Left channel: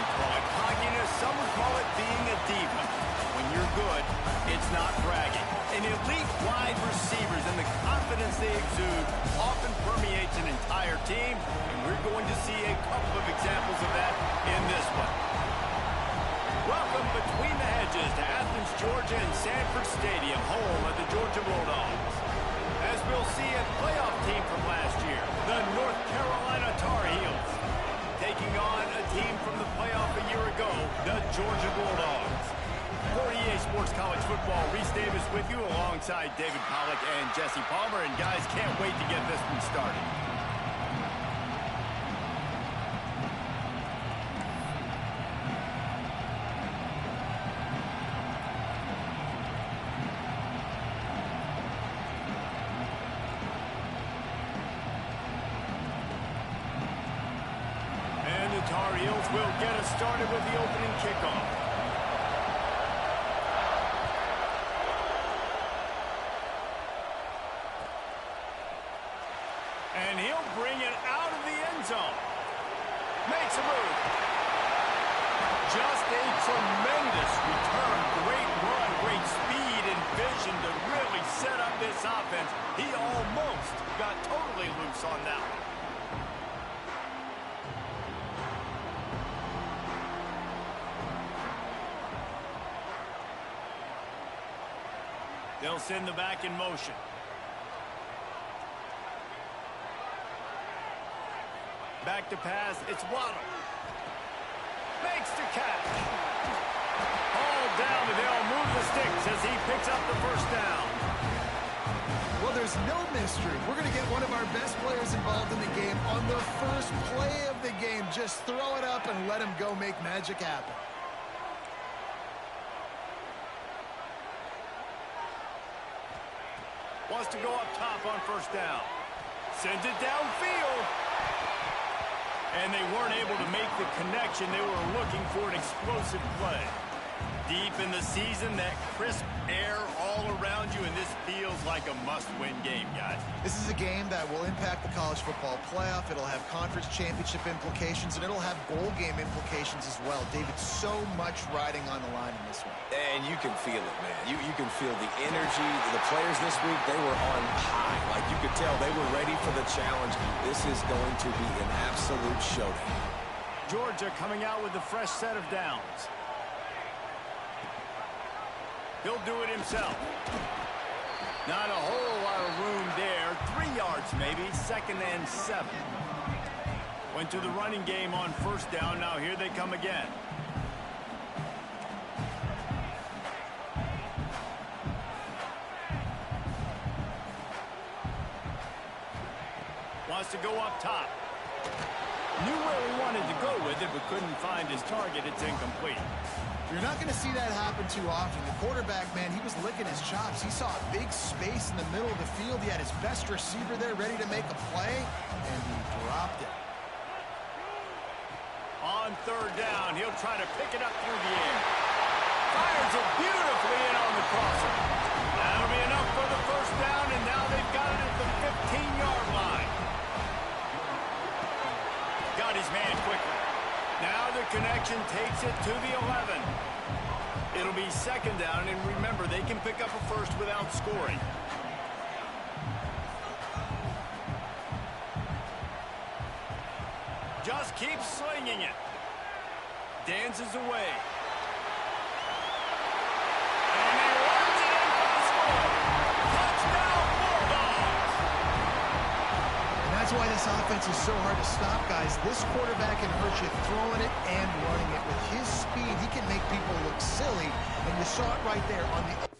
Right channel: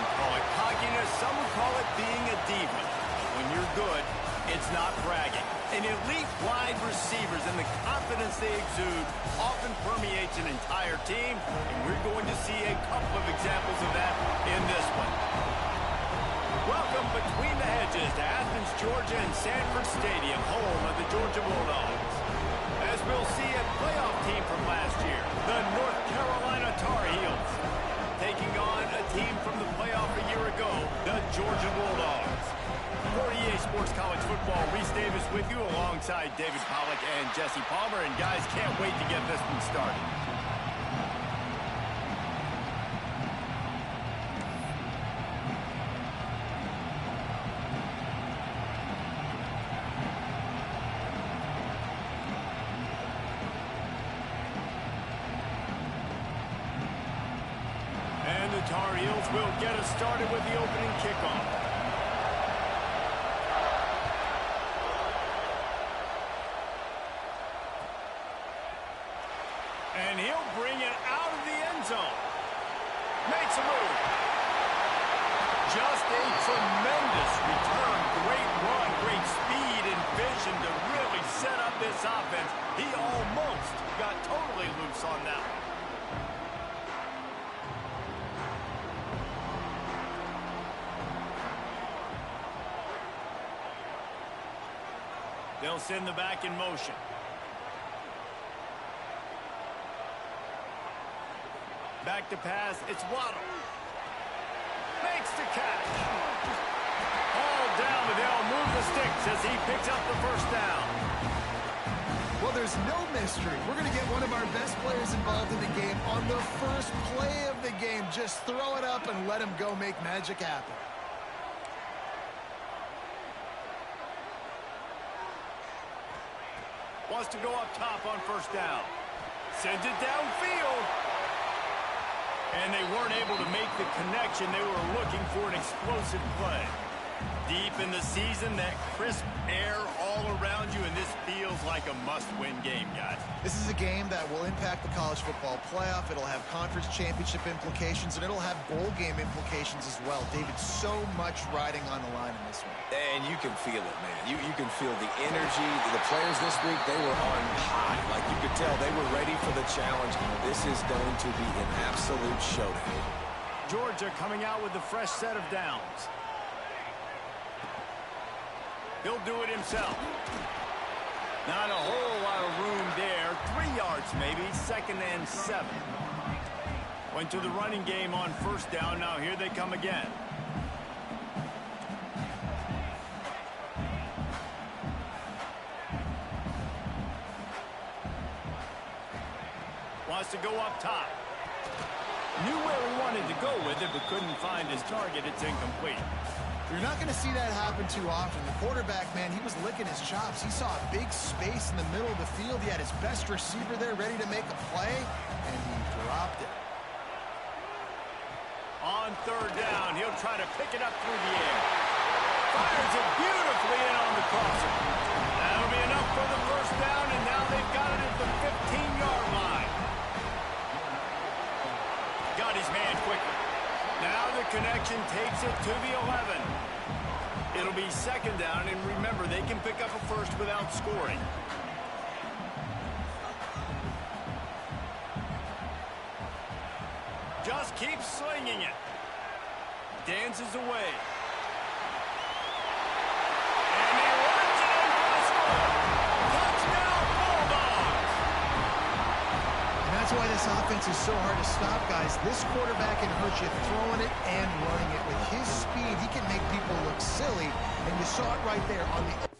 Some call it cockiness, some would call it being a diva. When you're good, it's not bragging. And elite wide receivers and the confidence they exude often permeates an entire team, and we're going to see a couple of examples of that in this one. Welcome between the hedges to Athens, Georgia and Sanford Stadium, home of the Georgia Bulldogs. As we'll see a playoff team from last year, the North Carolina Tar Heels, taking on a team from the playoff a year ago, the Georgia Bulldogs. For EA Sports College Football, Reese Davis with you alongside David Pollack and Jesse Palmer. And guys, can't wait to get this one started. And the Tar Heels will get us started with the opening kickoff. And he'll bring it out of the end zone. Makes a move. Just a tremendous return. Great run, great speed and vision to really set up this offense. He almost got totally loose on that one. They'll send the back in motion. Back to pass, it's Waddle. Makes the catch. All down, but they'll move the sticks as he picks up the first down. Well, there's no mystery. We're going to get one of our best players involved in the game on the first play of the game. Just throw it up and let him go make magic happen. Wants to go up top on first down. Sends it downfield. And they weren't able to make the connection. They were looking for an explosive play. Deep in the season, that crisp air all around you, and this feels like a must-win game, guys. This is a game that will impact the college football playoff. It'll have conference championship implications, and it'll have bowl game implications as well. David, so much riding on the line in this one. And you can feel it, man. You can feel the energy. The players this week, they were on high. Like you could tell, they were ready for the challenge. This is going to be an absolute showdown. Georgia coming out with a fresh set of downs. He'll do it himself. Not a whole lot of room there. 3 yards maybe, 2nd and 7. Went to the running game on first down. Now here they come again. Wants to go up top. Knew where he wanted to go with it, but couldn't find his target. It's incomplete. You're not going to see that happen too often. The quarterback, man, he was licking his chops. He saw a big space in the middle of the field. He had his best receiver there ready to make a play, and he dropped it. On third down, he'll try to pick it up through the air. Fires it beautifully in on the crosser. That'll be enough for the first down, and now they've got it at the 15-yard line. Got his man quickly. Now the connection takes it to the 11. It'll be 2nd down, and remember, they can pick up a first without scoring. Just keeps slinging it. Dances away. And he runs it in for the score. Touchdown, Bulldogs! And that's why this offense is so hard to stop, guys. This quarterback can hurt you throwing it and running it. With his speed, he can make people look silly, and you saw it right there on the...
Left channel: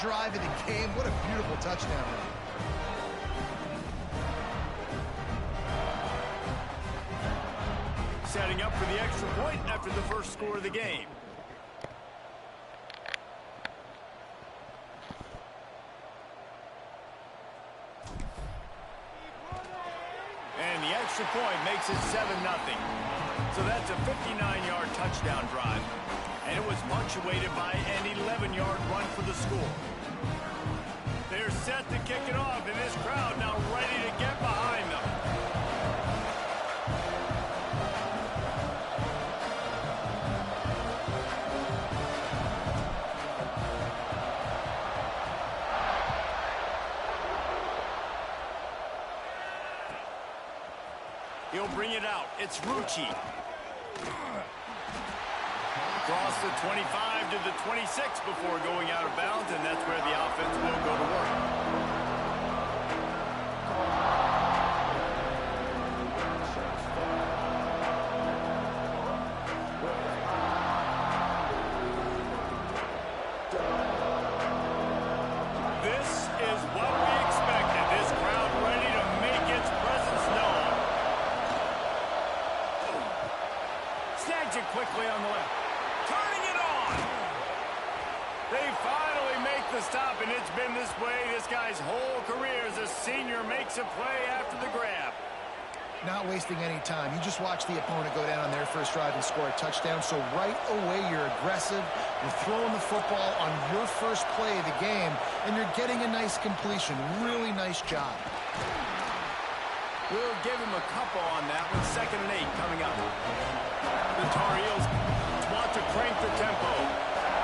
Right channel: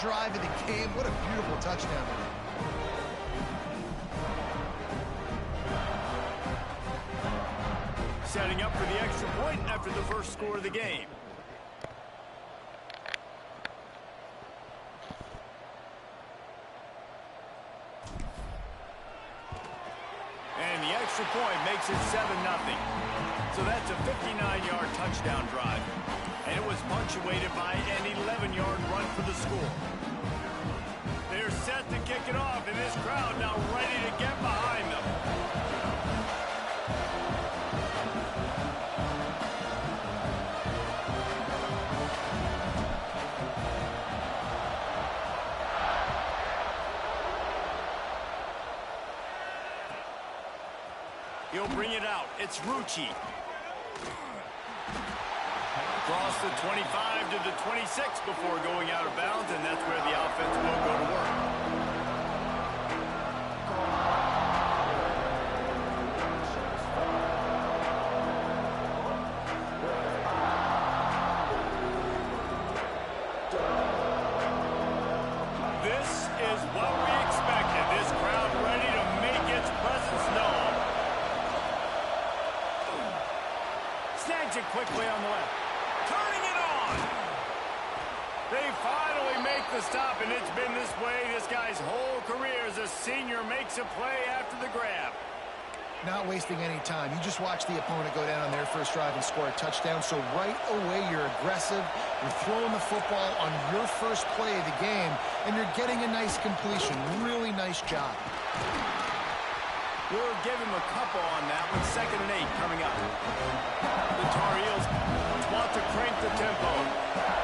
drive of the game. What a beautiful touchdown. Setting up for the extra point after the first score of the game. And the extra point makes it 7-0. So that's a 59-yard touchdown drive. And it was punctuated by an 11-yard run for the score. They're set to kick it off, and this crowd now ready to get behind them. He'll bring it out. It's Rucci. Across the 25 to the 26 before going out of bounds, and that's where the offense will go to work. This is what we expected. This crowd ready to make its presence known. Snags it quickly on the left. Turning it on. They finally make the stop, and it's been this way this guy's whole career as a senior makes a play after the grab. Not wasting any time. You just watch the opponent go down on their first drive and score a touchdown. So right away, you're aggressive. You're throwing the football on your first play of the game, and you're getting a nice completion. Really nice job. We'll give him a couple on that one. 2nd and 8 coming up. The Tar Heels want to crank the tempo.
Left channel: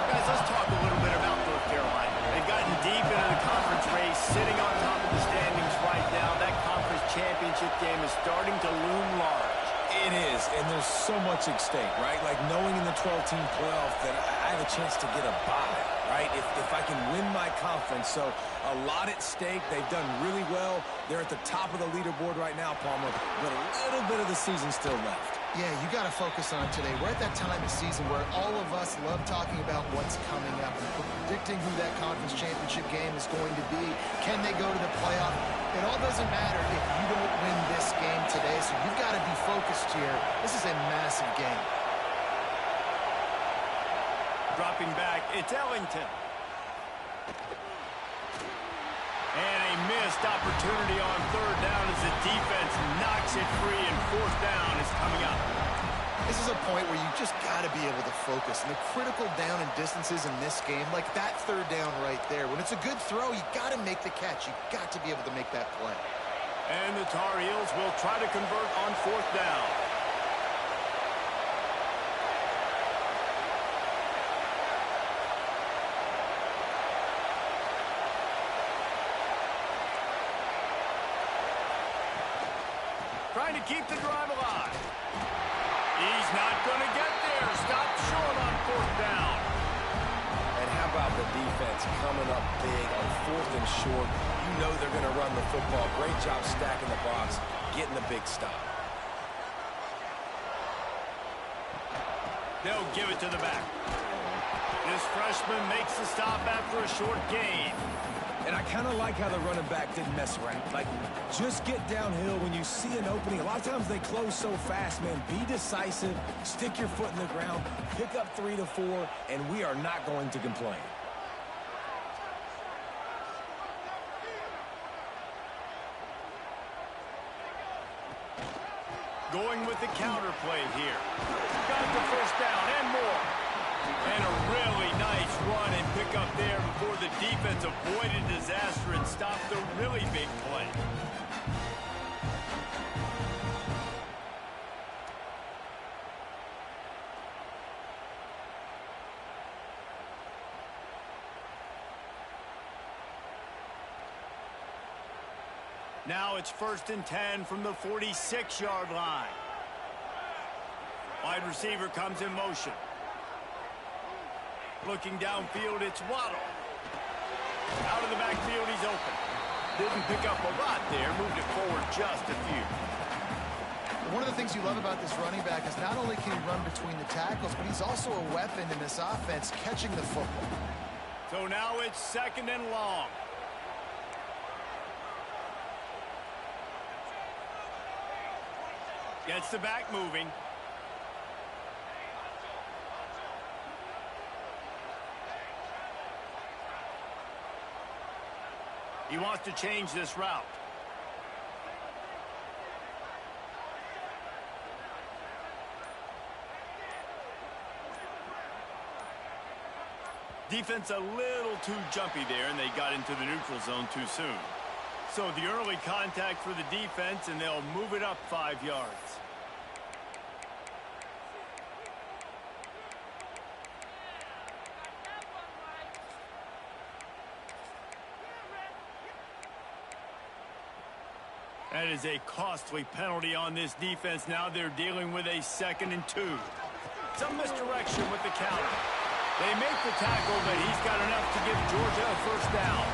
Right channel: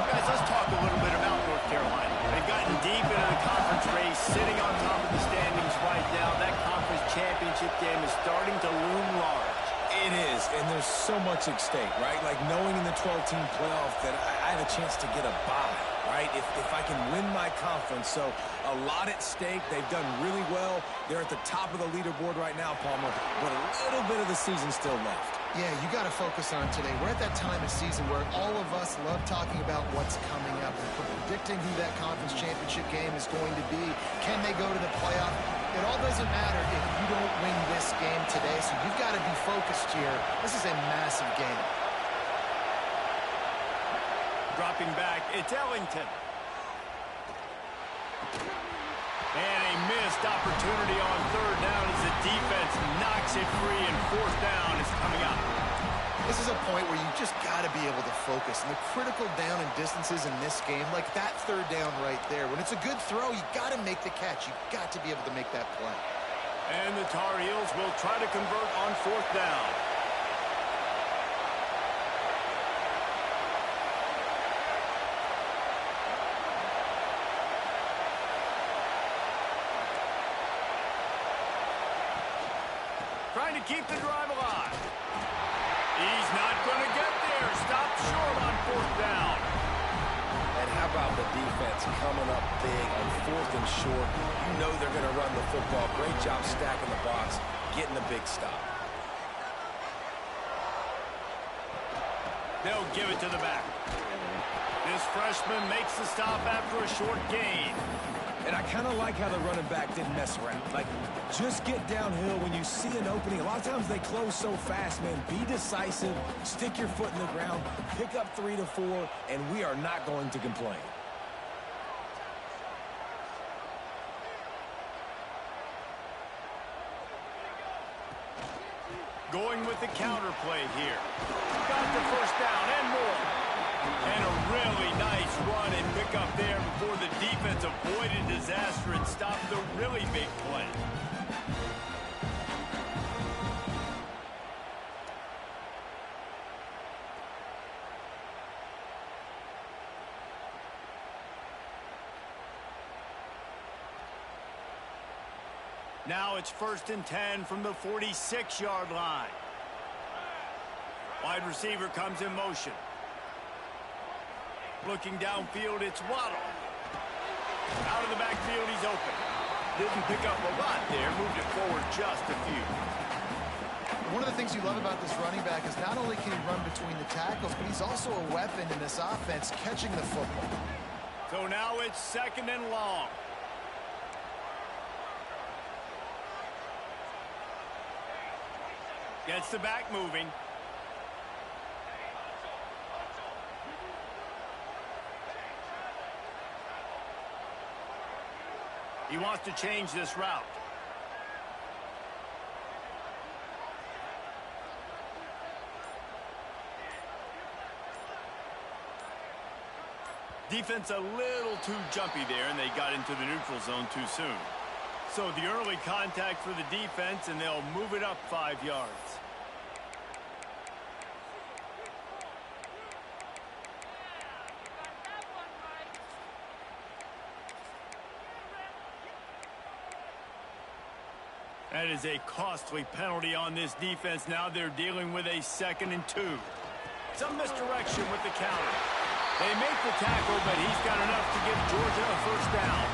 Guys, let's talk a little bit about North Carolina. They've gotten deep into the conference race, sitting on top of the standings right now. That conference championship game is starting to loom large. It is, and there's so much at stake, right? Like knowing in the 12-team playoff that I have a chance to get a bye, right? If I can win my conference. So a lot at stake. They've done really well. They're at the top of the leaderboard right now, Palmer, but a little bit of the season still left. Yeah, you got to focus on today. We're at that time of season where all of us love talking about what's coming up and predicting who that conference championship game is going to be. Can they go to the playoff? It all doesn't matter if you don't win this game today, so you've got to be focused here. This is a massive game. Dropping back, it's Ellington. And a missed opportunity on 3rd down as the defense knocks it free, and 4th down is coming up. This is a point where you just got to be able to focus. And the critical down and distances in this game, like that 3rd down right there, when it's a good throw, you got to make the catch. You got to be able to make that play. And the Tar Heels will try to convert on 4th down. Trying to keep the drive alive. He's not going to get there. Stopped short on 4th down. And how about the defense coming up big on 4th and short? You know they're going to run the football. Great job stacking the box, getting the big stop. They'll give it to the back. This freshman makes the stop after a short gain. And I kind of like how the running back didn't mess around. Like, just get downhill when you see an opening. A lot of times they close so fast, man. Be decisive, stick your foot in the ground, pick up 3 to 4, and we are not going to complain. Going with the counter play here. Got the 1st down and more. And a really nice run and pick up there before the defense avoided disaster and stopped the really big play. Now it's 1st and 10 from the 46-yard line. Wide receiver comes in motion. Looking downfield, it's Waddle. Out of the backfield, he's open. Didn't pick up a lot there, moved it forward just a few. One of the things you love about this running back is not only can he run between the tackles, but he's also a weapon in this offense, catching the football. So now it's 2nd and long. Gets the back moving. He wants to change this route. Defense a little too jumpy there, and they got into the neutral zone too soon. So the early contact for the defense, and they'll move it up 5 yards. That is a costly penalty on this defense. Now they're dealing with a 2nd and 2. Some misdirection with the counter. They make the tackle, but he's got enough to give Georgia a 1st down.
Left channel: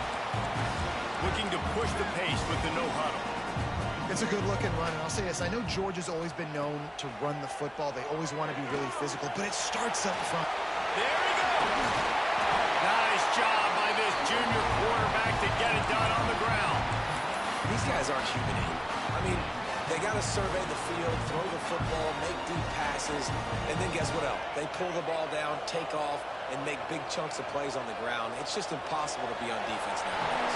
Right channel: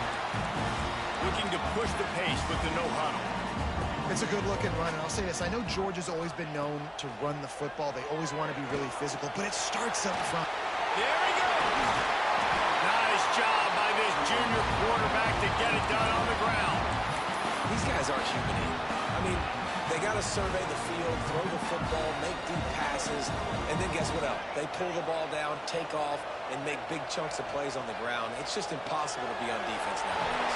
Looking to push the pace with the no huddle. It's a good-looking run, and I'll say this. I know Georgia's always been known to run the football. They always want to be really physical, but it starts up front. There he goes. Nice job by this junior quarterback to get it done on the ground. These guys aren't human. I mean, they got to survey the field, throw the football, make deep passes, and then guess what else? They pull the ball down, take off, and make big chunks of plays on the ground. It's just impossible to be on defense nowadays.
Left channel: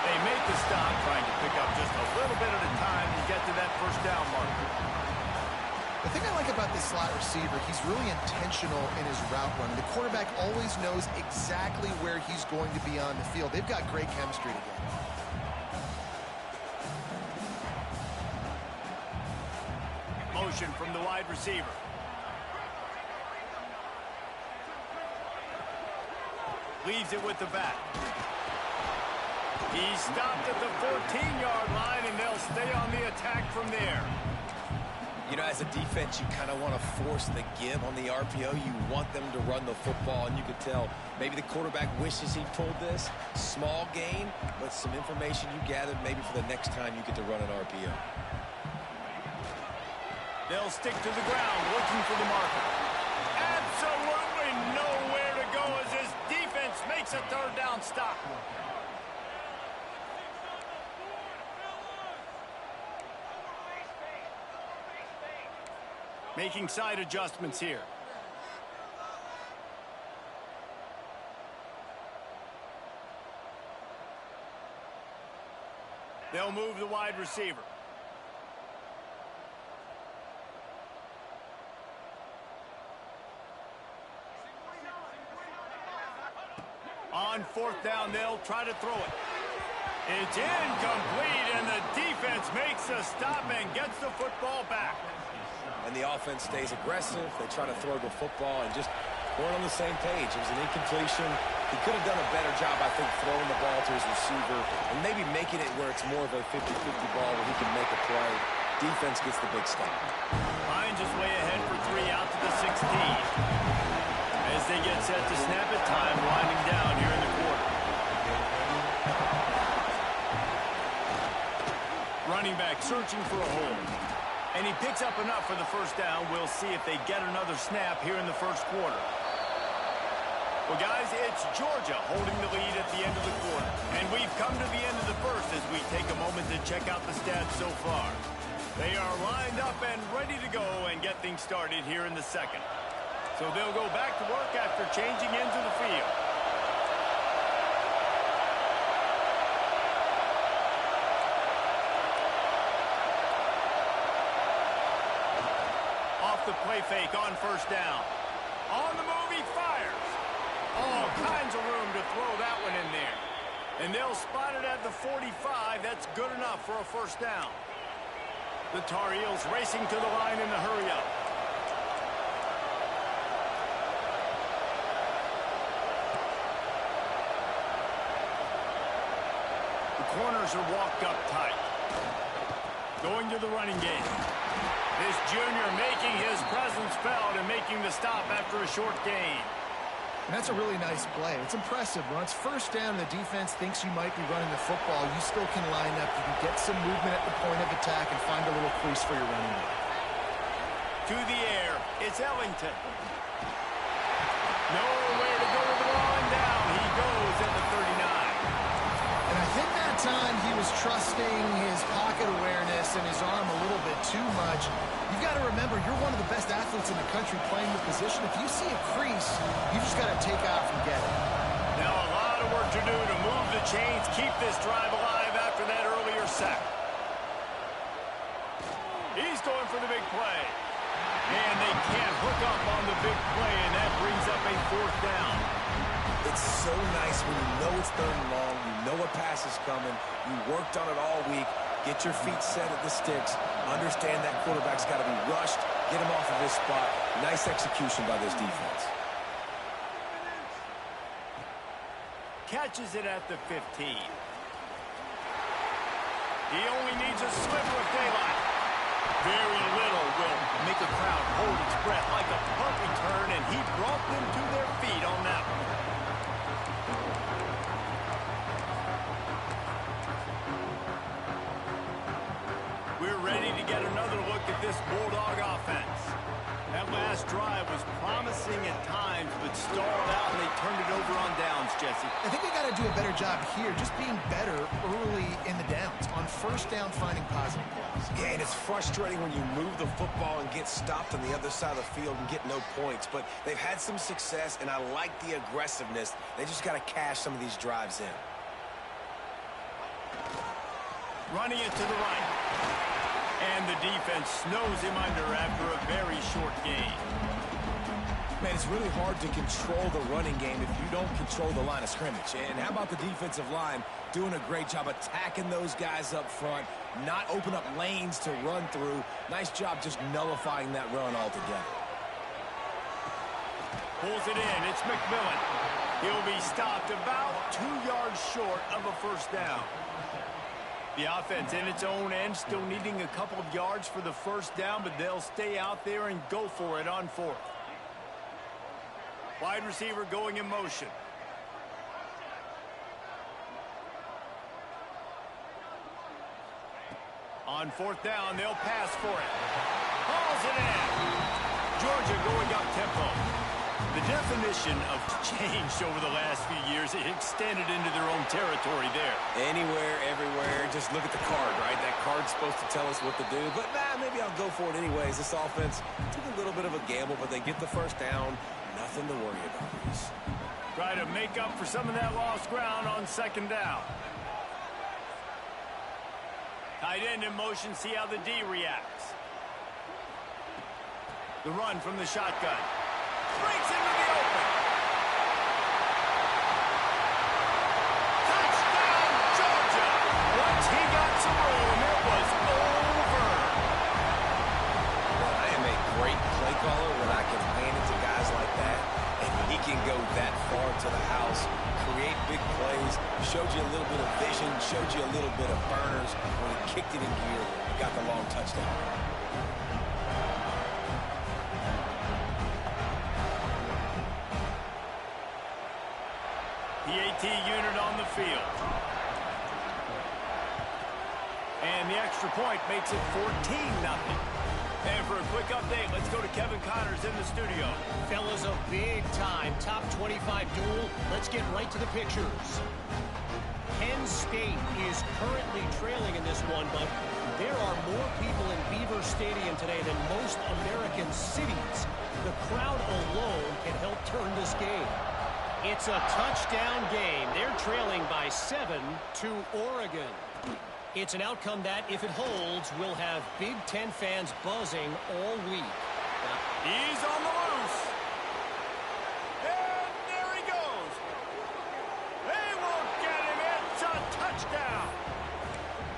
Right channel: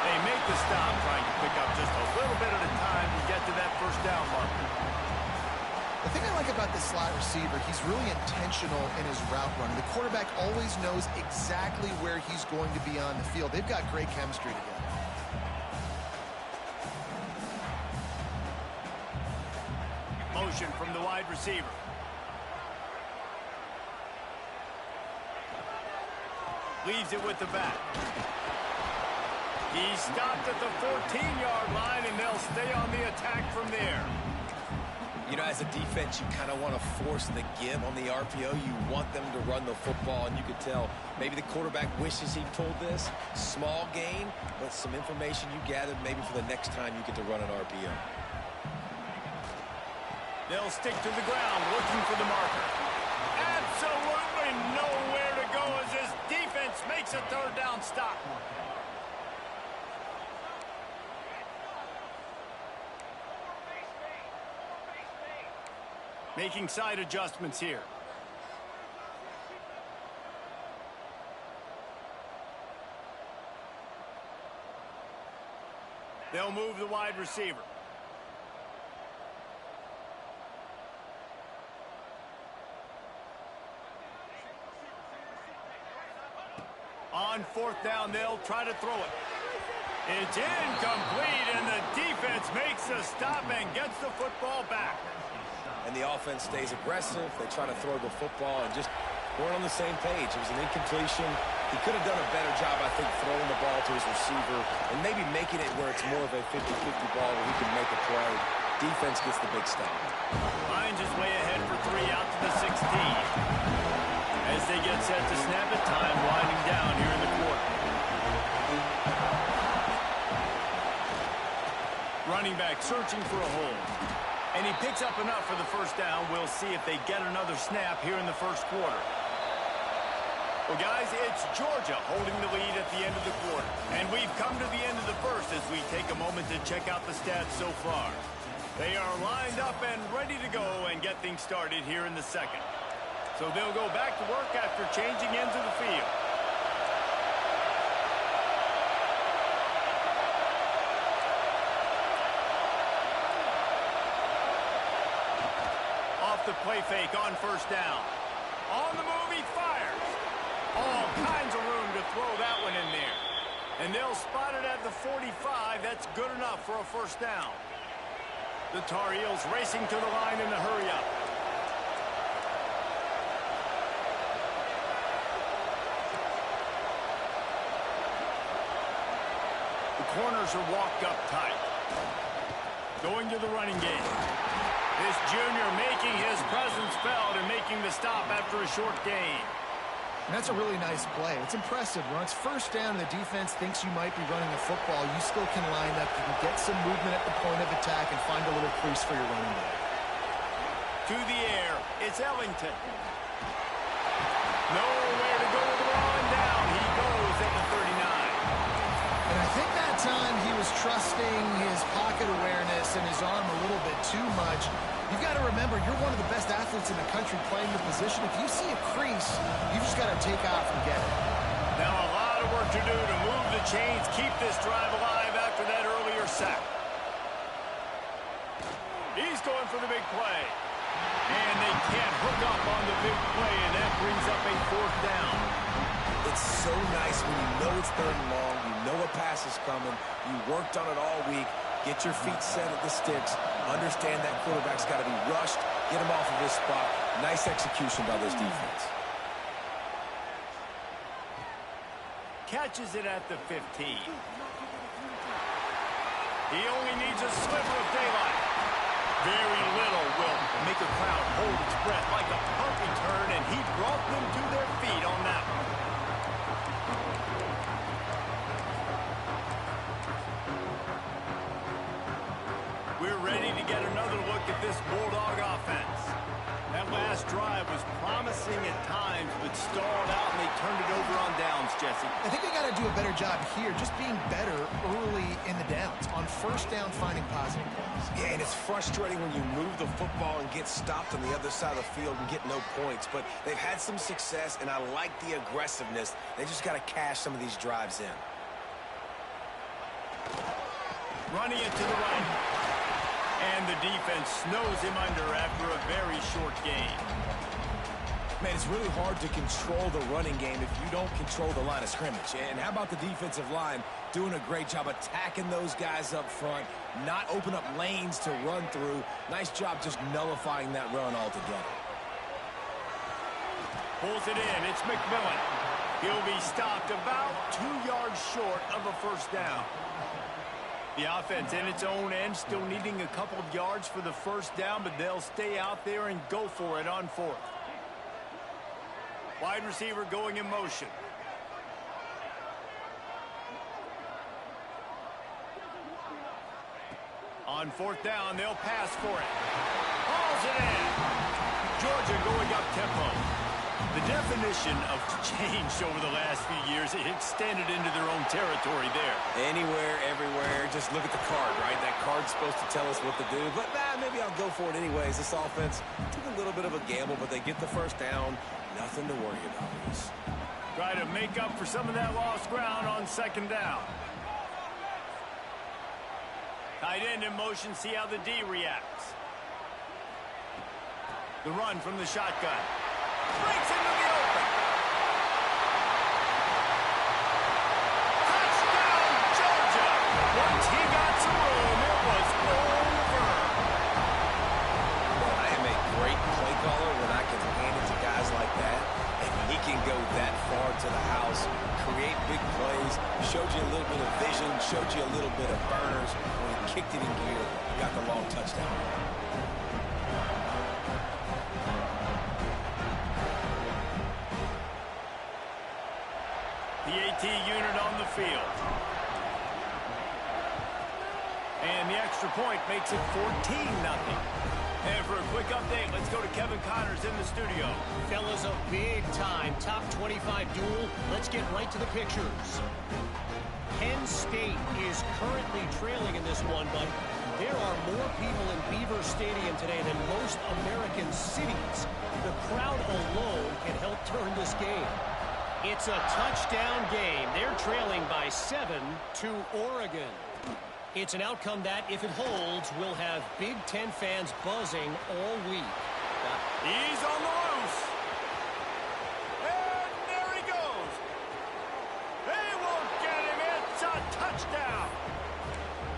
They make the stop, trying to pick up just a little bit at a time to get to that 1st down marker. The thing I like about this slot receiver, he's really intentional in his route running. The quarterback always knows exactly where he's going to be on the field. They've got great chemistry together. Motion from the wide receiver. Leaves it with the back. He stopped at the 14-yard line, and they'll stay on the attack from there. You know, as a defense, you kind of want to force the give on the RPO. You want them to run the football, and you could tell maybe the quarterback wishes he pulled this. Small gain, but some information you gathered maybe for the next time you get to run an RPO. They'll stick to the ground, looking for the marker. Absolutely nowhere to go as this defense makes a 3rd down stop. Making side adjustments here. They'll move the wide receiver. On 4th down, they'll try to throw it. It's incomplete, and the defense makes a stop and gets the football back. And the offense stays aggressive. They try to throw the football and just weren't on the same page. It was an incompletion. He could have done a better job, I think, throwing the ball to his receiver and maybe making it where it's more of a 50-50 ball where he can make a play. Defense gets the big stop. Finds his way ahead for 3 out to the 16. As they get set to snap it, time winding down here in the quarter. Running back searching for a hole. And he picks up enough for the 1st down. We'll see if they get another snap here in the 1st quarter. Well, guys, it's Georgia holding the lead at the end of the quarter. And we've come to the end of the 1st as we take a moment to check out the stats so far. They are lined up and ready to go and get things started here in the 2nd. So they'll go back to work after changing ends of the field. Off the play fake on 1st down. On the move, he fires. All kinds of room to throw that one in there. And they'll spot it at the 45. That's good enough for a 1st down. The Tar Heels racing to the line in the hurry-up. The corners are walked up tight. Going to the running game. This junior making his presence felt and making the stop after a short gain. And that's a really nice play. It's impressive. When it's 1st down and the defense thinks you might be running the football, you still can line up. You can get some movement at the point of attack and find a little crease for your running back. To the air, it's Ellington. Nowhere to go with the ball, and down he goes at the 39. And I think that time he was trusting his pocket awareness and his arm a little bit too much. You've got to remember, you're one of the best athletes in the country playing the position. If you see a crease, you just got to take off and get it. Now a lot of work to do to move the chains, keep this drive alive after that earlier sack. He's going for the big play. And they can't hook up on the big play, and that brings up a 4th down. It's so nice when you know it's 3rd and long, you know a pass is coming, you worked on it all week, get your feet set at the sticks, understand that quarterback's got to be rushed, get him off of his spot. Nice execution by this defense. Catches it at the 15. He only needs a sliver of daylight. Very little will make a crowd hold its breath like a punt return, and he brought them to their feet on that one. We're ready to get another look at this Bulldog offense. That last drive was promising at times, but stalled out, and they turned it over on downs, Jesse. I think they got to do a better job here, just being better early in the downs. On 1st down, finding positive plays. Yeah, and it's frustrating when you move the football and get stopped on the other side of the field and get no points. But they've had some success, and I like the aggressiveness. They just got to cash some of these drives in. Running it to the right. And the defense snows him under after a very short game. Man, it's really hard to control the running game if you don't control the line of scrimmage. And how about the defensive line doing a great job attacking those guys up front, not open up lanes to run through. Nice job just nullifying that run altogether. Pulls it in. It's McMillan. He'll be stopped about 2 yards short of a 1st down. The offense in its own end, still needing a couple of yards for the 1st down, but they'll stay out there and go for it on 4th. Wide receiver going in motion. On 4th down, they'll pass for it. Hauls it in. Georgia going up tempo. The definition of change over the last few years, it extended into their own territory there. Anywhere, everywhere, just look at the card, right? That card's supposed to tell us what to do, but maybe I'll go for it anyways. This offense took a little bit of a gamble, but they get the 1st down. Nothing to worry about, Reese. Try to make up for some of that lost ground on 2nd down. Tight end in motion, see how the D reacts. The run from the shotgun. Breaks into the open. Touchdown, Georgia! Once he got some room, it was over. Well, I am a great play caller when I can hand it to guys like that, and he can go that far to the house, create big plays, showed you a little bit of vision, showed you a little bit of burners. When he kicked it in gear, he got the long touchdown. The AT unit on the field. And the extra point makes it 14-0. And for a quick update, let's go to Kevin Connors in the studio. Fellas, a big-time top 25 duel. Let's get right to the pictures. Penn State is currently trailing in this one, but there are more people in Beaver Stadium today than most American cities. The crowd alone can help turn this game. It's a touchdown game. They're trailing by 7 to Oregon. It's an outcome that, if it holds, will have Big Ten fans buzzing all week. He's on the loose. And there he goes. They won't get him. It's a touchdown.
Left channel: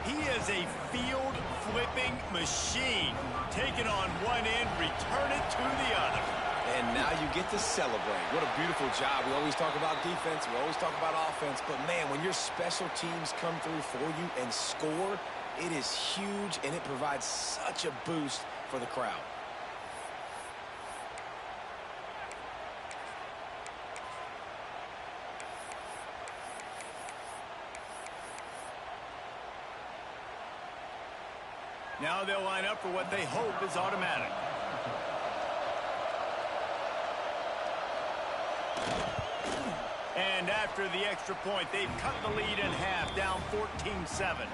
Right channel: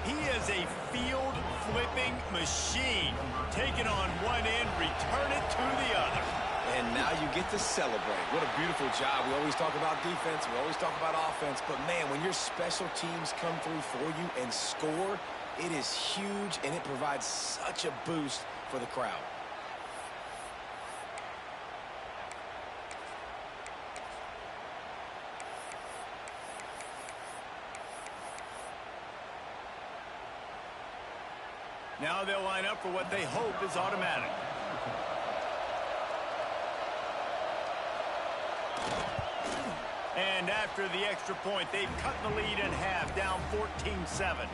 He is a field-flipping machine. Take it on one end, return it to the other. And now you get to celebrate. What a beautiful job. We always talk about defense. We always talk about offense. But, man, when your special teams come through for you and score, it is huge, and it provides such a boost for the crowd. Now they'll line up for what they hope is automatic. And after the extra point, they've cut the lead in half, down 14-7.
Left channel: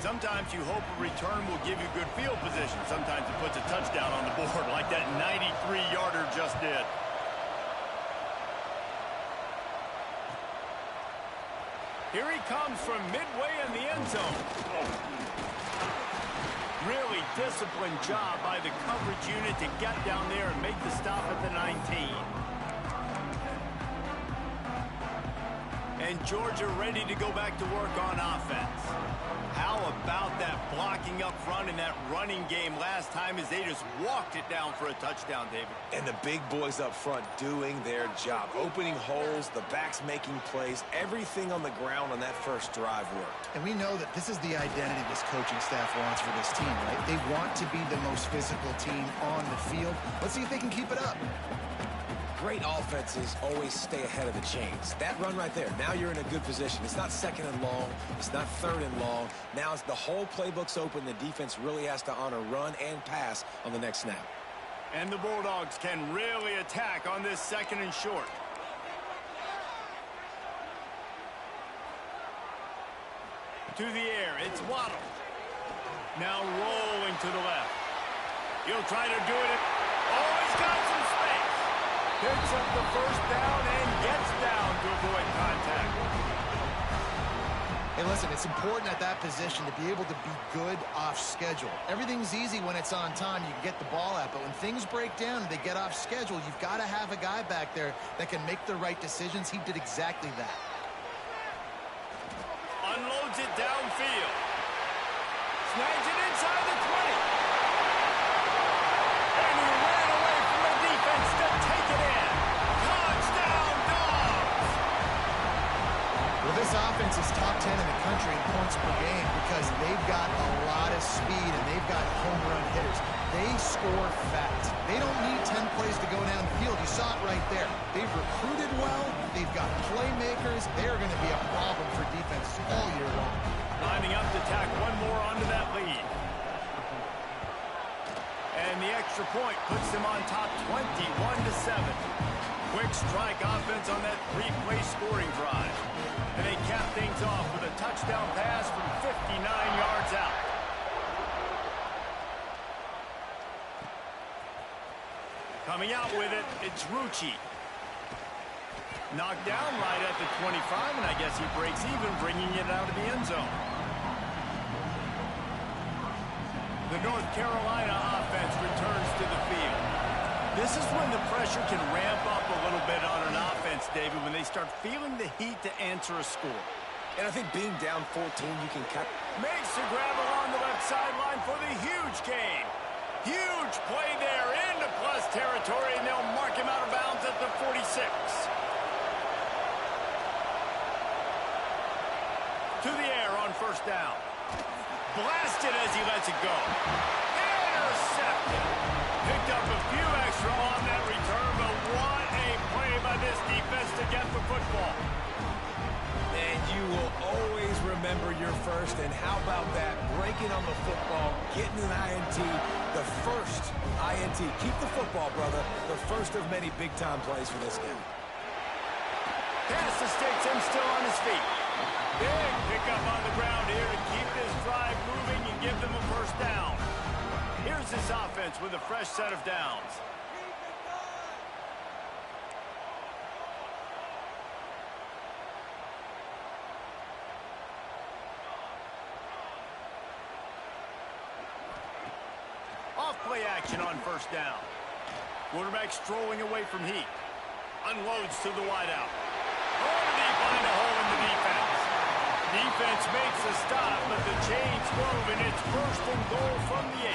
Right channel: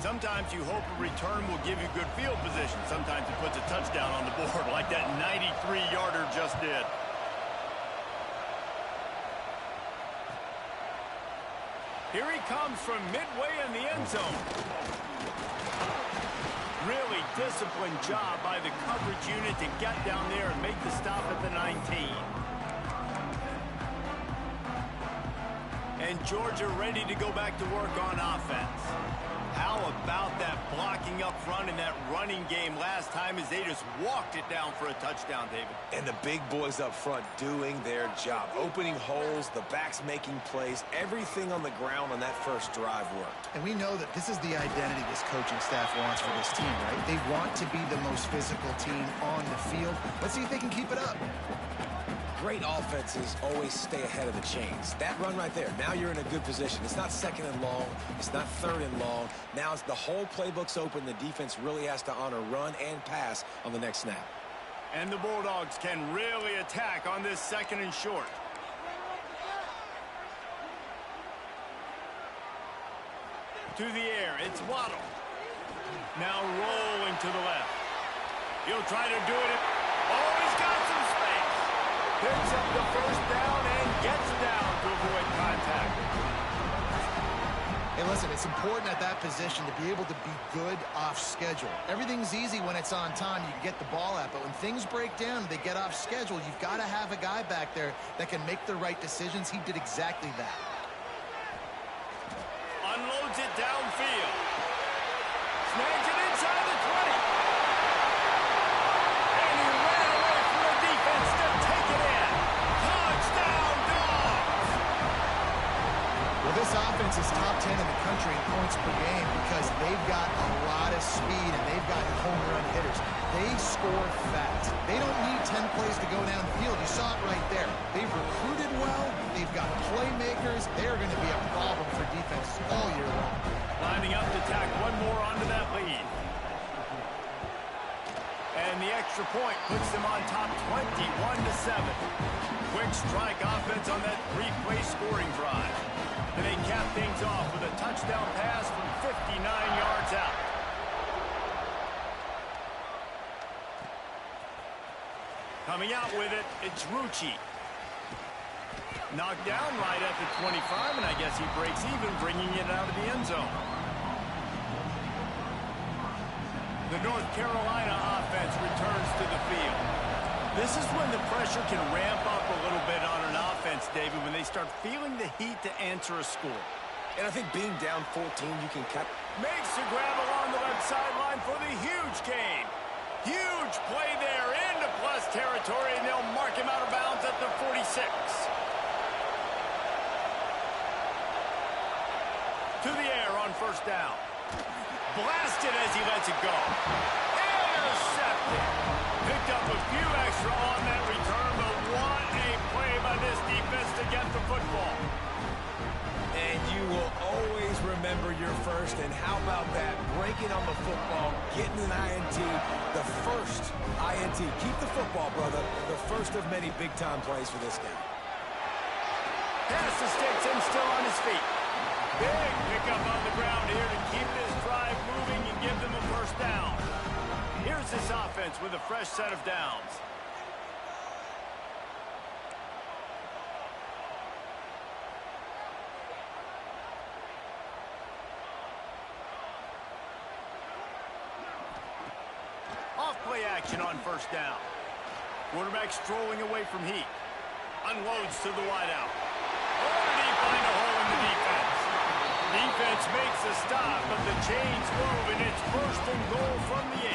Sometimes you hope a return will give you good field position. Sometimes it puts a touchdown on the board like that 93-yarder just did. Here he comes from midway in the end zone. Really disciplined job by the coverage unit to get down there and make the stop at the 19. And Georgia ready to go back to work on offense. How about that blocking up front in that running game last time as they just walked it down for a touchdown, David? And the big boys up front doing their job. Opening holes, the backs making plays. Everything on the ground on that first drive worked. And we know that this is the identity this coaching staff wants for this team, right? They want to be the most physical team on the field. Let's see if they can keep it up. Great offenses always stay ahead of the chains. That run right there, now you're in a good position. It's not second and long. It's not third and long. Now it's the whole playbook's open. The defense really has to honor run and pass on the next snap. And the Bulldogs can really attack on this second and short. To the air, it's Waddle. Now rolling to the left. He'll try to do it. Oh, he's got some space. Picks up the first down and gets down to avoid contact. Hey, listen, it's important at that position to be able to be good off schedule. Everything's easy when it's on time. You can get the ball out. But when things break down and they get off schedule, you've got to have a guy back there that can make the right decisions. He did exactly that. Unloads it downfield. Snags it inside the 20. And he ran away from the defense to take it in. Touchdown, Dogs! Well, this offense is top 10 in the country in points per game because they've got a lot of speed and they've got home run hitters. They score fast. They don't need 10 plays to go down the field. You saw it right there. They've recruited well. They've got playmakers. They're going to be a problem for defenses all year long. Lining up to tack one more onto that lead. And the extra point puts them on top 21-7. Quick strike offense on that three-play scoring drive. And they cap things off with a touchdown pass from 59 yards out. Coming out with it, it's Rucci. Knocked down right at the 25, and I guess he breaks even, bringing it out of the end zone. The North Carolina offense returns to the field. This is when the pressure can ramp up a little bit on an offense, David, when they start feeling the heat to answer a score. And I think being down 14, you can cut. Makes the grab along the left sideline for the huge gain. Huge play there into plus territory, and they'll mark him out of bounds at the 46. To the air on first down. Blasted as he lets it go. Intercepted. Picked up a few extra on that return, but what a play by this defense to get the football. And you will always remember your first. And how about that? Breaking on the football, getting an INT, the first INT. Keep the football, brother. The first of many big-time plays for this guy. Pass to sticks him still on his feet. Big pickup on the ground here to keep this drive moving and give them a first down. Here's this offense with a fresh set of downs. Off-play action on first down. Quarterback strolling away from heat. Unloads to the wideout. Oh, did he find a hole in the defense? Defense makes a stop, but the chains move, and it's first and goal from the 8.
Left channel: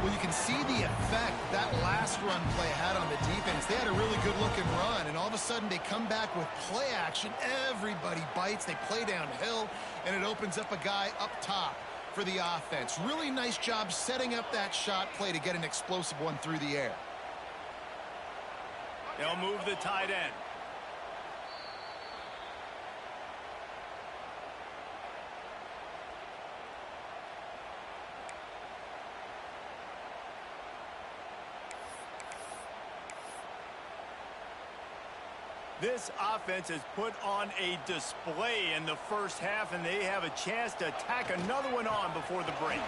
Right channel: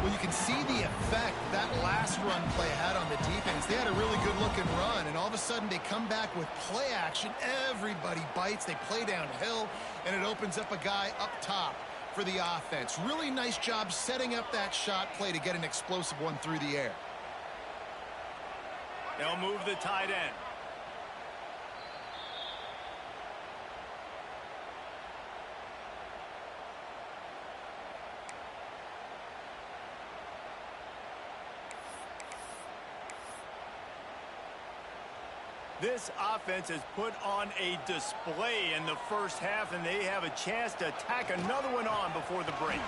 Well, you can see the effect that last run play had on the defense. They had a really good-looking run, and all of a sudden they come back with play action. Everybody bites. They play downhill, and it opens up a guy up top for the offense. Really nice job setting up that shot play to get an explosive one through the air. They'll move the tight end. This offense has put on a display in the first half, and they have a chance to tack another one on before the break.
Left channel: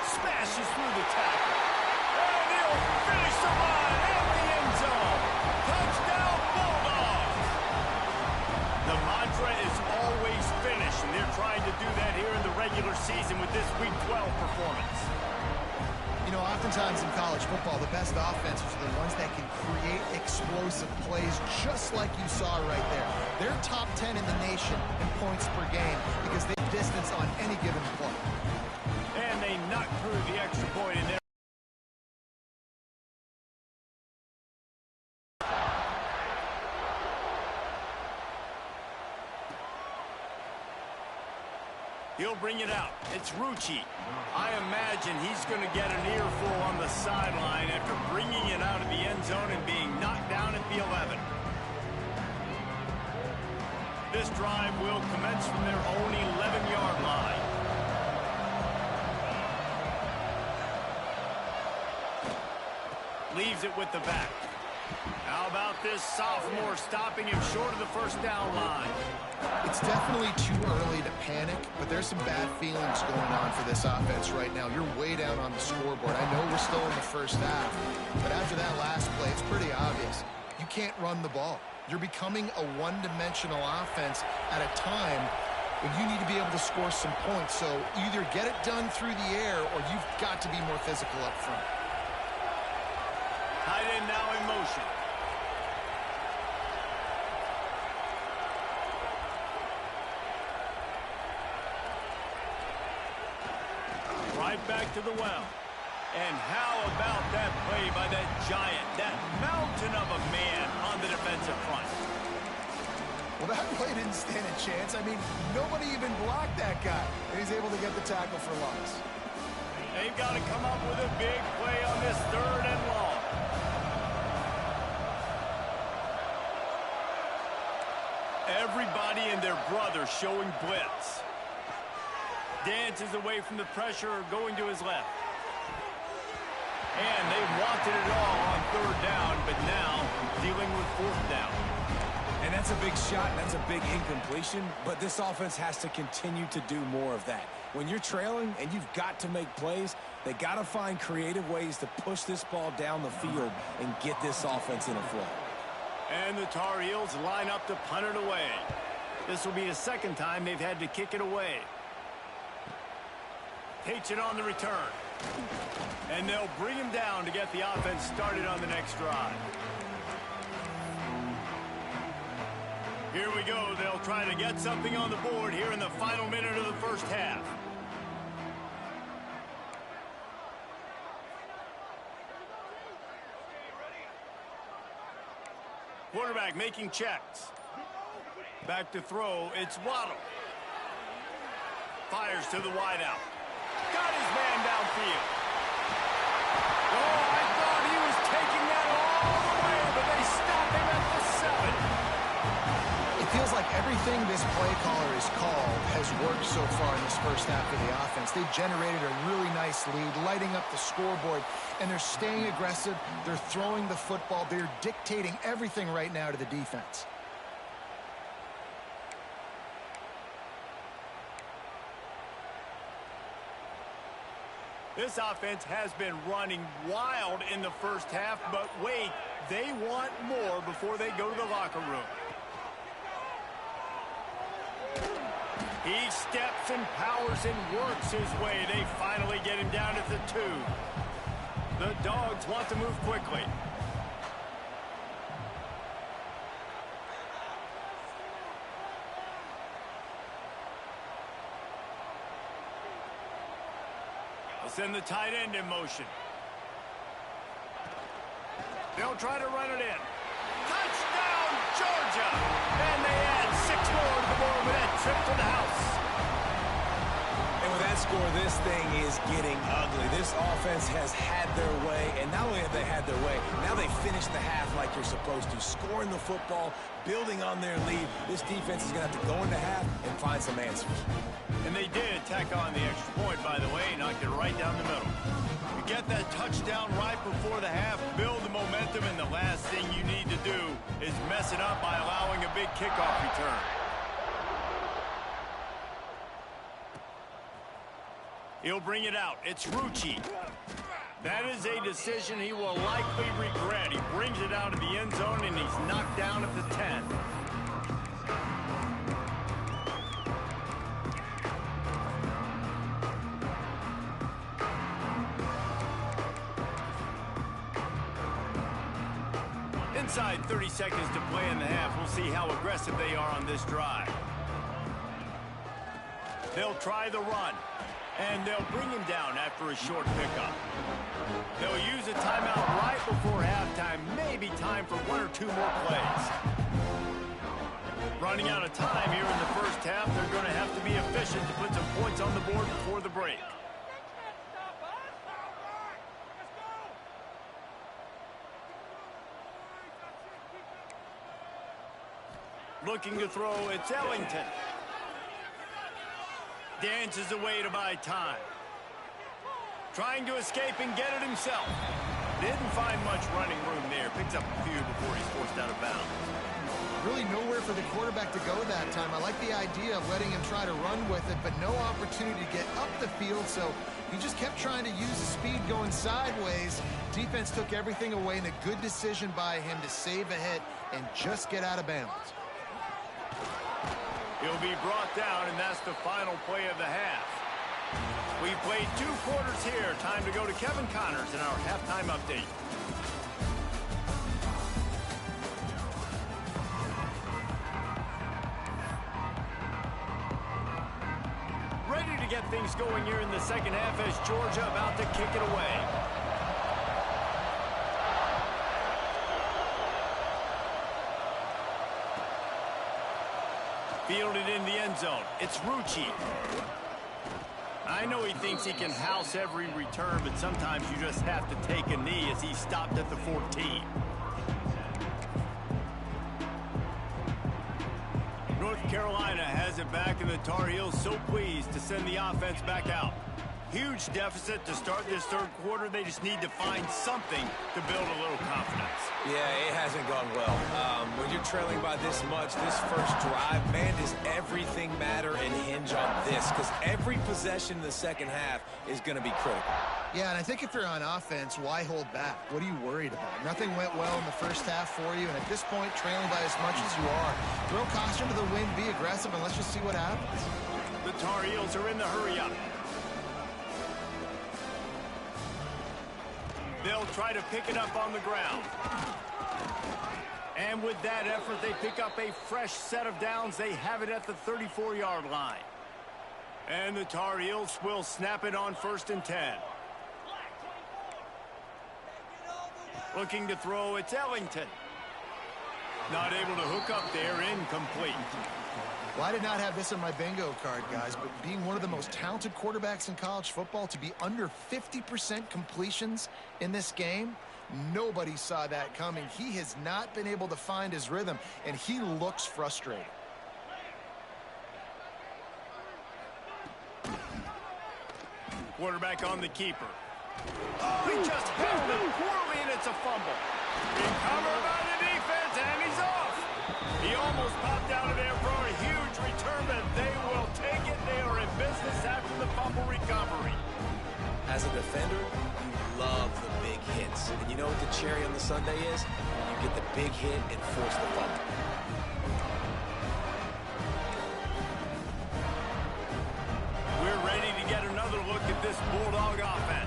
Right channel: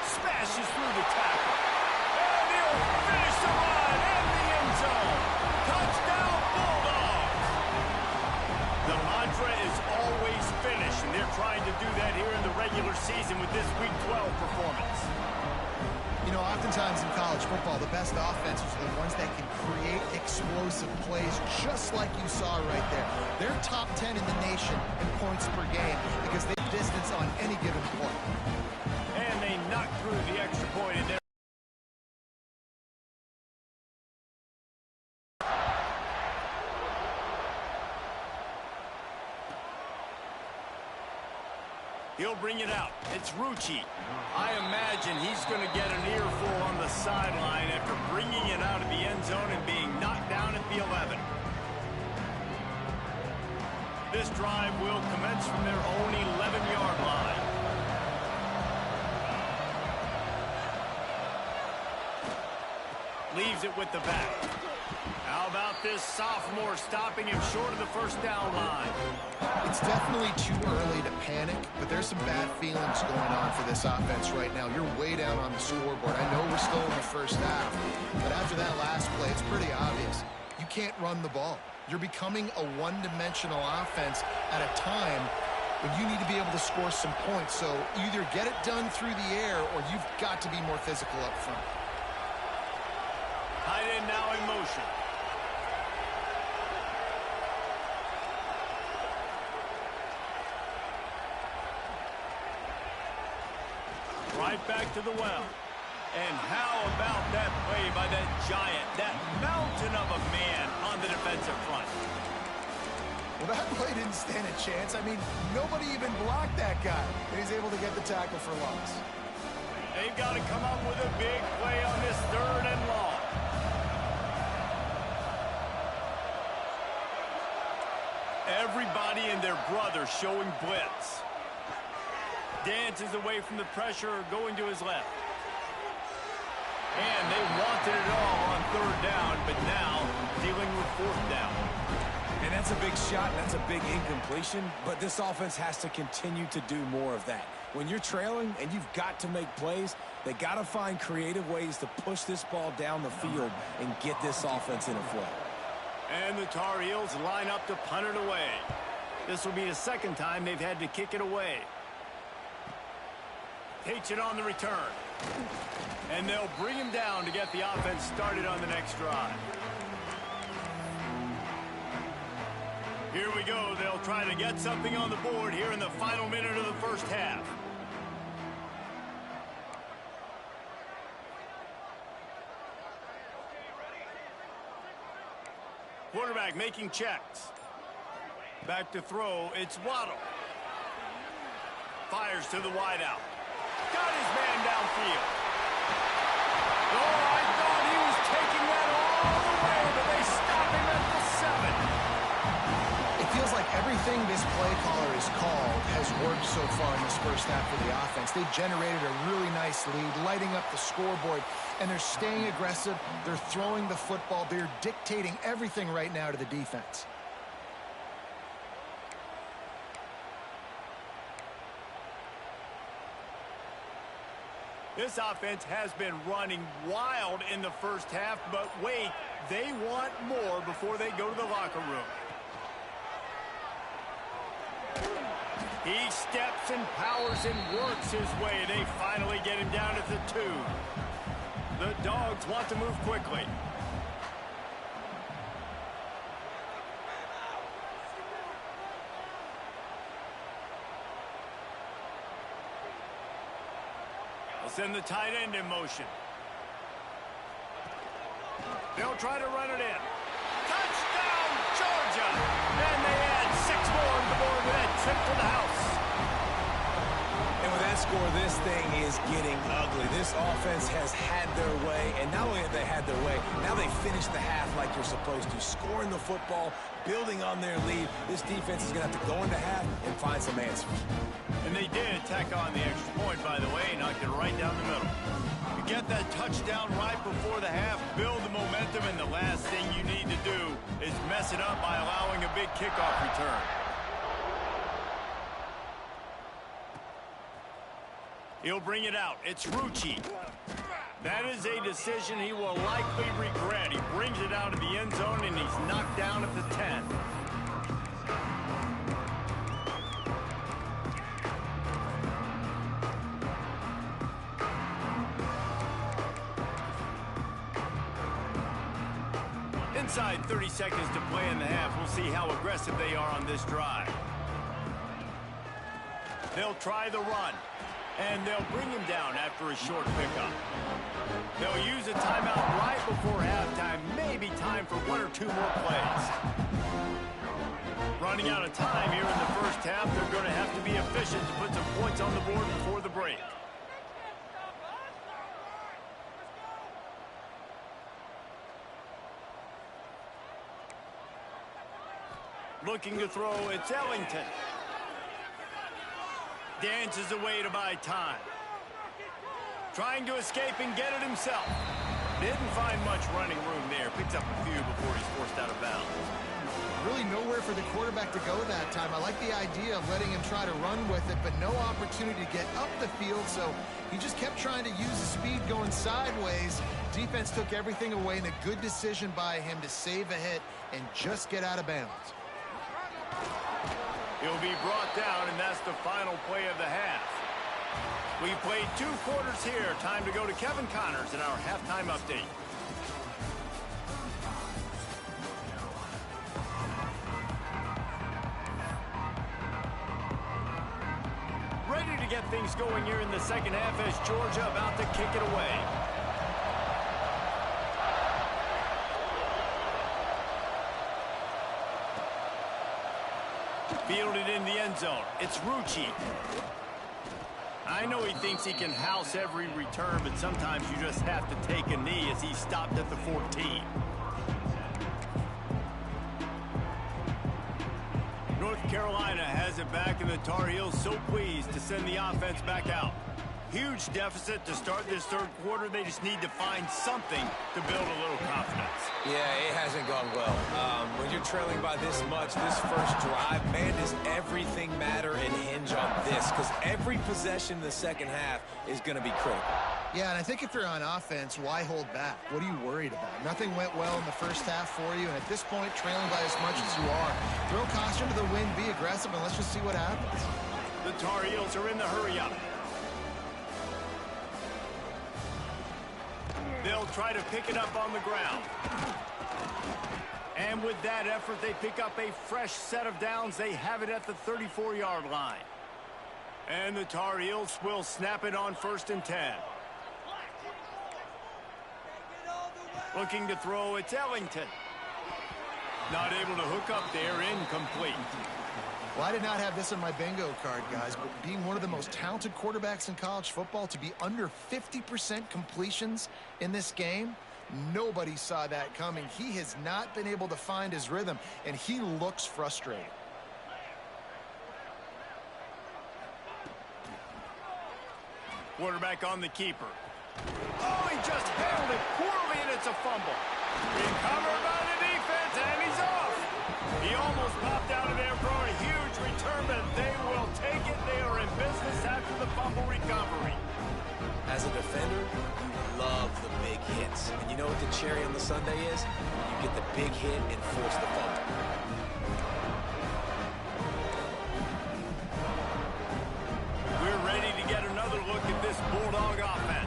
Smashes through the tackle. And he'll finish the run in the end zone. Touchdown, Bulldogs! The mantra is always finish, and they're trying to do that here in the regular season with this Week 12 performance. You know, oftentimes in college football, the best offenses are the ones that can create explosive plays, just like you saw right there. They're top 10 in the nation in points per game because they distance on any given play. And they knocked through the extra point in there. He'll bring it out. It's Rucci. I imagine he's going to get an earful on the sideline after bringing it out of the end zone and being knocked down at the 11. This drive will commence from their own 11-yard line. Leaves it with the back. How about this sophomore stopping him short of the first down line? It's definitely too early to panic, but there's some bad feelings going on for this offense right now. You're way down on the scoreboard. I know we're still in the first half, but after that last play, it's pretty obvious. You can't run the ball. You're becoming a one-dimensional offense at a time when you need to be able to score some points. So either get it done through the air or you've got to be more physical up front. Tight end now in motion. Right back to the well. And how about that play by that giant, that mountain of a man on the defensive front? Well, that play didn't stand a chance. I mean, nobody even blocked that guy. And he's able to get the tackle for loss. They've got to come up with a big play on this 3rd and long. Everybody and their brother showing blitz. Dances away from the pressure, going to his left. And they wanted it all on 3rd down, but now dealing with 4th down. And that's a big shot, and that's a big incompletion, but this offense has to continue to do more of that. When you're trailing and you've got to make plays, they got to find creative ways to push this ball down the field and get this offense in a flow. And the Tar Heels line up to punt it away. This will be the 2nd time they've had to kick it away. Takes it on the return. And they'll bring him down to get the offense started on the next drive. Here we go. They'll try to get something on the board here in the final minute of the first half. Quarterback making checks. Back to throw. It's Waddle. Fires to the wideout. Got his man downfield. Oh, I thought he was taking that all the way, but they stop him at the 7. It feels like everything this play caller has called has worked so far in this first half of the offense. They've generated a really nice lead, lighting up the scoreboard, and they're staying aggressive. They're throwing the football. They're dictating everything right now to the defense. This offense has been running wild in the first half, but wait, they want more before they go to the locker room. He steps and powers and works his way. They finally get him down at the 2. The Dogs want to move quickly. They'll send the tight end in motion. They'll try to run it in. Touchdown, Georgia! And they add 6 more to the board with that trip to the house. And with that score, this thing is getting ugly. This offense has had their way, and not only have they had their way, now they finish the half like you're supposed to, scoring the football, building on their lead. This defense is going to have to go into half and find some answers. And they did tack on the extra point, by the way, knocked it right down the middle. You get that touchdown right before the half, build the momentum, and the last thing you need to do is mess it up by allowing a big kickoff return. He'll bring it out. It's Rucci. That is a decision he will likely regret. He brings it out of the end zone, and he's knocked down at the 10. Inside 30 seconds to play in the half. We'll see how aggressive they are on this drive. They'll try the run, and they'll bring him down after a short pickup. They'll use a timeout right before halftime, maybe time for 1 or 2 more plays. Running out of time here in the first half, they're going to have to be efficient to put some points on the board before the break. Looking to throw, it's Ellington. Dances away to buy time. Trying to escape and get it himself. Didn't find much running room there. Picks up a few before he's forced out of bounds. Really nowhere for the quarterback to go that time. I like the idea of letting him try to run with it, but no opportunity to get up the field, so he just kept trying to use the speed going sideways. Defense took everything away, and a good decision by him to save a hit and just get out of bounds. He'll be brought down, and that's the final play of the half. We've played 2 quarters here. Time to go to Kevin Connors in our halftime update. Ready to get things going here in the second half as Georgia about to kick it away. Fielded in the end zone. It's Rucci. I know he thinks he can house every return, but sometimes you just have to take a knee as he stopped at the 14. North Carolina has it back, and the Tar Heels so pleased to send the offense back out. Huge deficit to start this third quarter. They just need to find something to build a little confidence. Yeah, it hasn't gone well. When you're trailing by this much, this first drive, man, does everything matter and hinge on this? Because every possession in the second half is going to be critical. Yeah, and I think if you're on offense, why hold back? What are you worried about? Nothing went well in the first half for you, and at this point, trailing by as much as you are, throw caution to the wind, be aggressive, and let's just see what happens. The Tar Heels are in the hurry-up. They'll try to pick it up on the ground. And with that effort, they pick up a fresh set of downs. They have it at the 34-yard line. And the Tar Heels will snap it on 1st and 10. Looking to throw, it's Ellington. Not able to hook up there, incomplete. Well, I did not have this on my bingo card, guys, but being one of the most talented quarterbacks in college football, to be under 50% completions in this game, nobody saw that coming. He has not been able to find his rhythm, and he looks frustrated. Quarterback on the keeper. Oh, he just handled it poorly, and it's a fumble. Recovered by the defense, and he's off. He almost popped out of there for a huge return, but they will take it. They are in business after the fumble recovery. As a defender, you love the big hits. And you know what the cherry on the sundae is? When you get the big hit and force the fumble. We're ready to get another look at this Bulldog offense.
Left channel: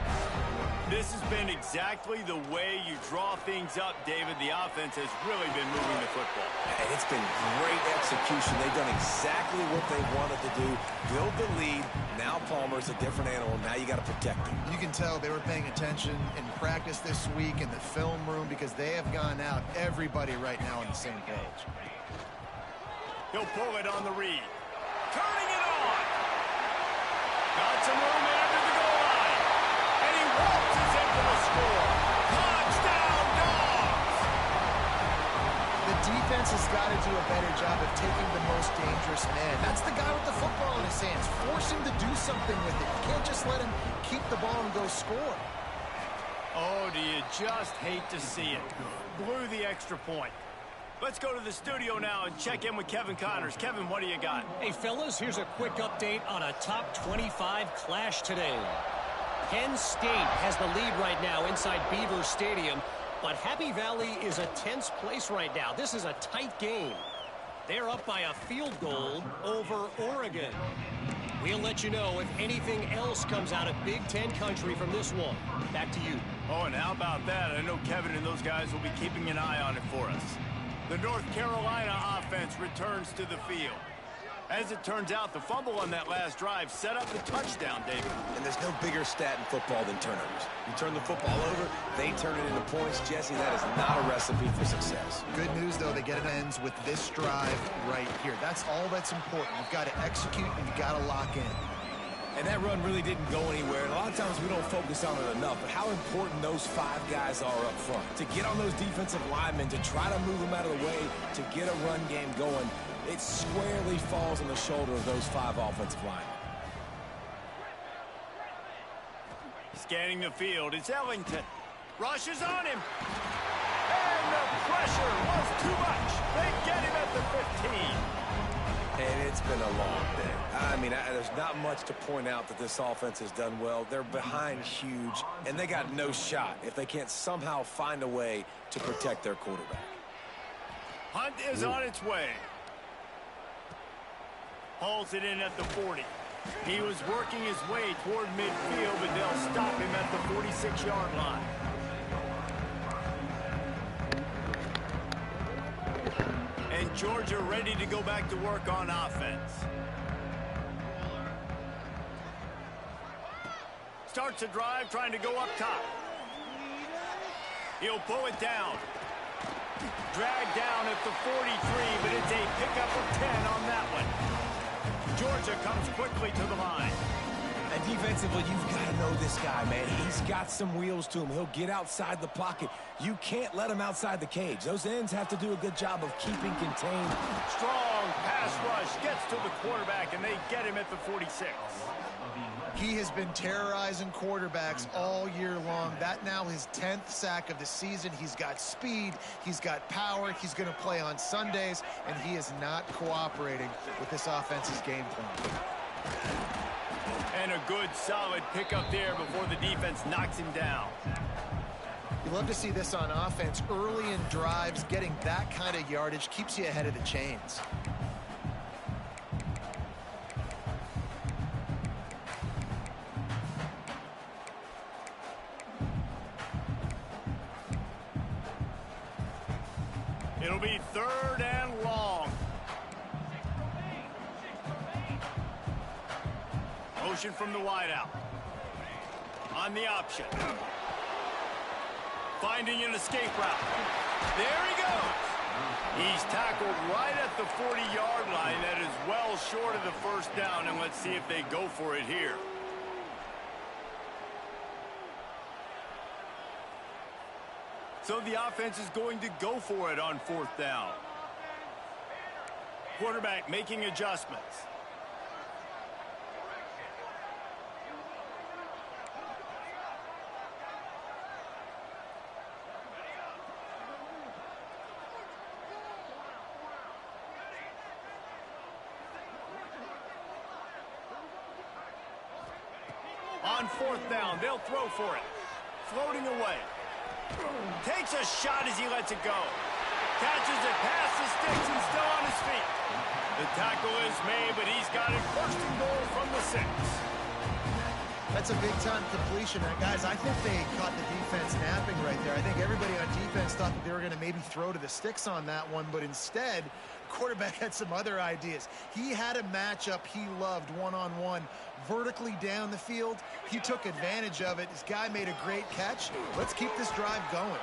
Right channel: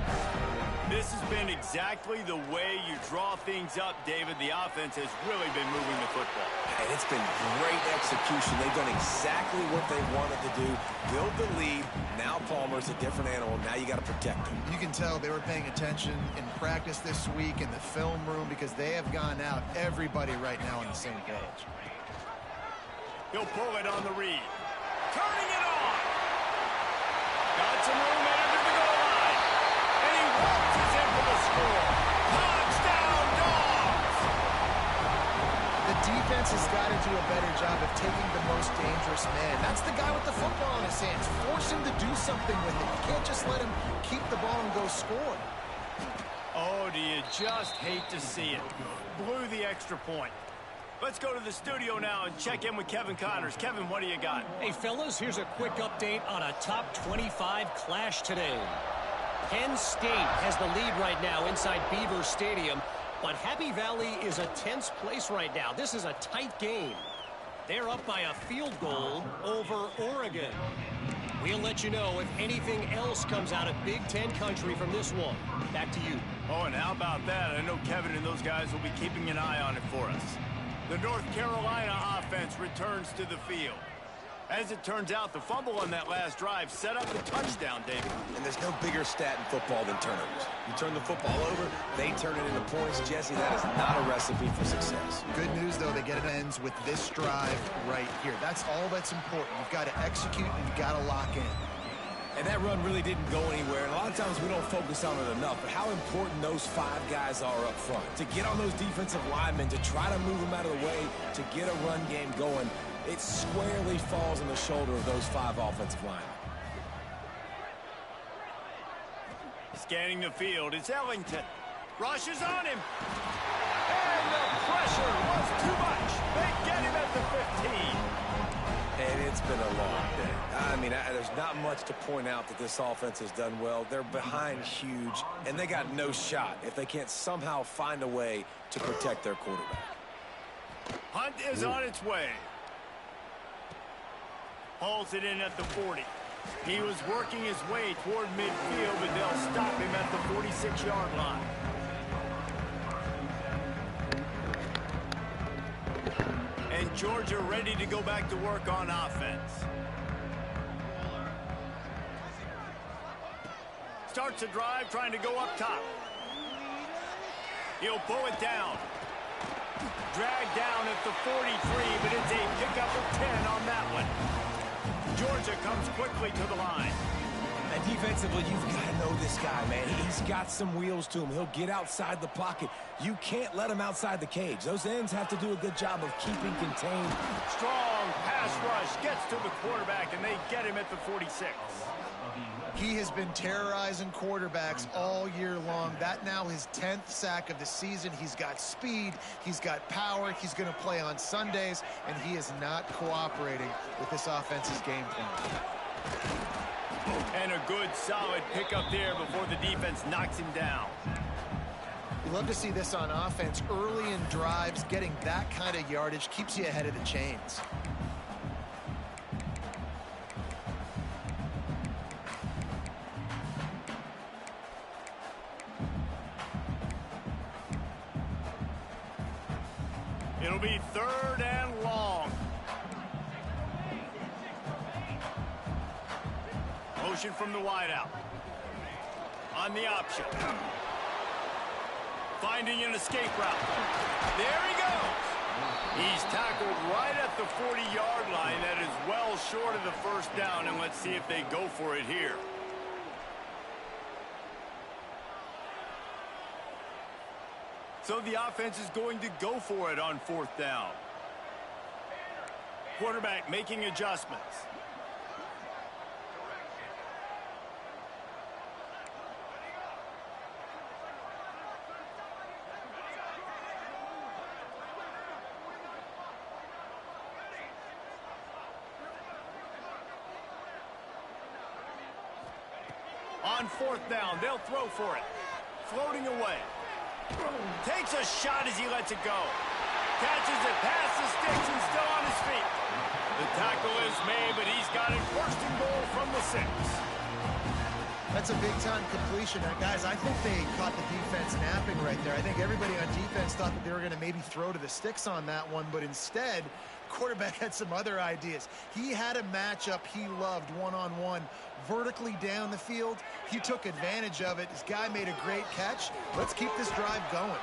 This has been exactly the way you draw things up, David. The offense has really been moving the football. And it's been great execution. They've done exactly what they wanted to do. Build the lead. Now Palmer's a different animal. Now you got to protect him. You can tell they were paying attention in practice this week in the film room, because they have gone out, everybody right now on the same page. He'll pull it on the read. Turning it on. Got some room after the goal line. And he waltzes in for the score. Touchdown, Dogs! The defense has got to do a better job of taking the most dangerous man. That's the guy with the football in his hands. Force him to do something with it. You can't just let him keep the ball and go score. Oh, do you just hate to see it? Blew the extra point. Let's go to the studio now and check in with Kevin Connors. Kevin, what do you got? Hey, fellas, here's a quick update on a top 25 clash today. Penn State has the lead right now inside Beaver Stadium, but Happy Valley is a tense place right now. This is a tight game. They're up by a field goal over Oregon. We'll let you know if anything else comes out of Big Ten country from this one. Back to you. Oh, and how about that? I know Kevin and those guys will be keeping an eye on it for us. The North Carolina offense returns to the field. As it turns out, the fumble on that last drive set up the touchdown, David. And there's no bigger stat in football than turnovers. You turn the football over, they turn it into points. Jesse, that is not a recipe for success. Good news, though, they get it ends with this drive right here. That's all that's important. You've got to execute and you've got to lock in. And that run really didn't go anywhere. And a lot of times we don't focus on it enough. But how important those 5 guys are up front. To get on those defensive linemen, to try to move them out of the way, to get a run game going, it squarely falls on the shoulder of those 5 offensive linemen. Scanning the field, it's Ellington. Rushes on him. And the pressure was too much. They get him at the 15. And it's been a long day. I mean, there's not much to point out that this offense has done well. They're behind huge, and they got no shot if they can't somehow find a way to protect their quarterback. Hunt is on its way. Hauls it in at the 40. He was working his way toward midfield, but they'll stop him at the 46-yard line. And Georgia ready to go back to work on offense. Starts a drive trying to go up top. He'll pull it down. Dragged down at the 43, but it's a pickup of 10 on that one. Georgia comes quickly to the line. And defensively, you've got to know this guy, man. He's got some wheels to him. He'll get outside the pocket. You can't let him outside the cage. Those ends have to do a good job of keeping contained. Strong pass rush gets to the quarterback, and they get him at the 46. He has been terrorizing quarterbacks all year long. That now his 10th sack of the season. He's got speed. He's got power. He's going to play on Sundays, and he is not cooperating with this offense's game plan. And a good, solid pickup there before the defense knocks him down. You love to see this on offense. Early in drives, getting that kind of yardage keeps you ahead of the chains. It'll be 3rd and long. Motion from the wideout. On the option. Finding an escape route. There he goes. He's tackled right at the 40-yard line. That is well short of the first down, and let's see if they go for it here. So the offense is going to go for it on 4th down. Quarterback making adjustments. On 4th down, they'll throw for it. Floating away. Takes a shot as he lets it go. Catches it past the sticks and still on his feet. The tackle is made, but he's got it 1st and goal from the 6. That's a big-time completion. Guys, I think they caught the defense napping right there. I think everybody on defense thought that they were going to maybe throw to the sticks on that one, but instead, quarterback had some other ideas. He had a matchup he loved one-on-one, vertically down the field. He took advantage of it. This guy made a great catch. Let's keep this drive going.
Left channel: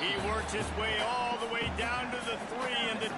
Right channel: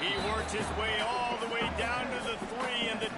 He worked his way all the way down to the 3, and the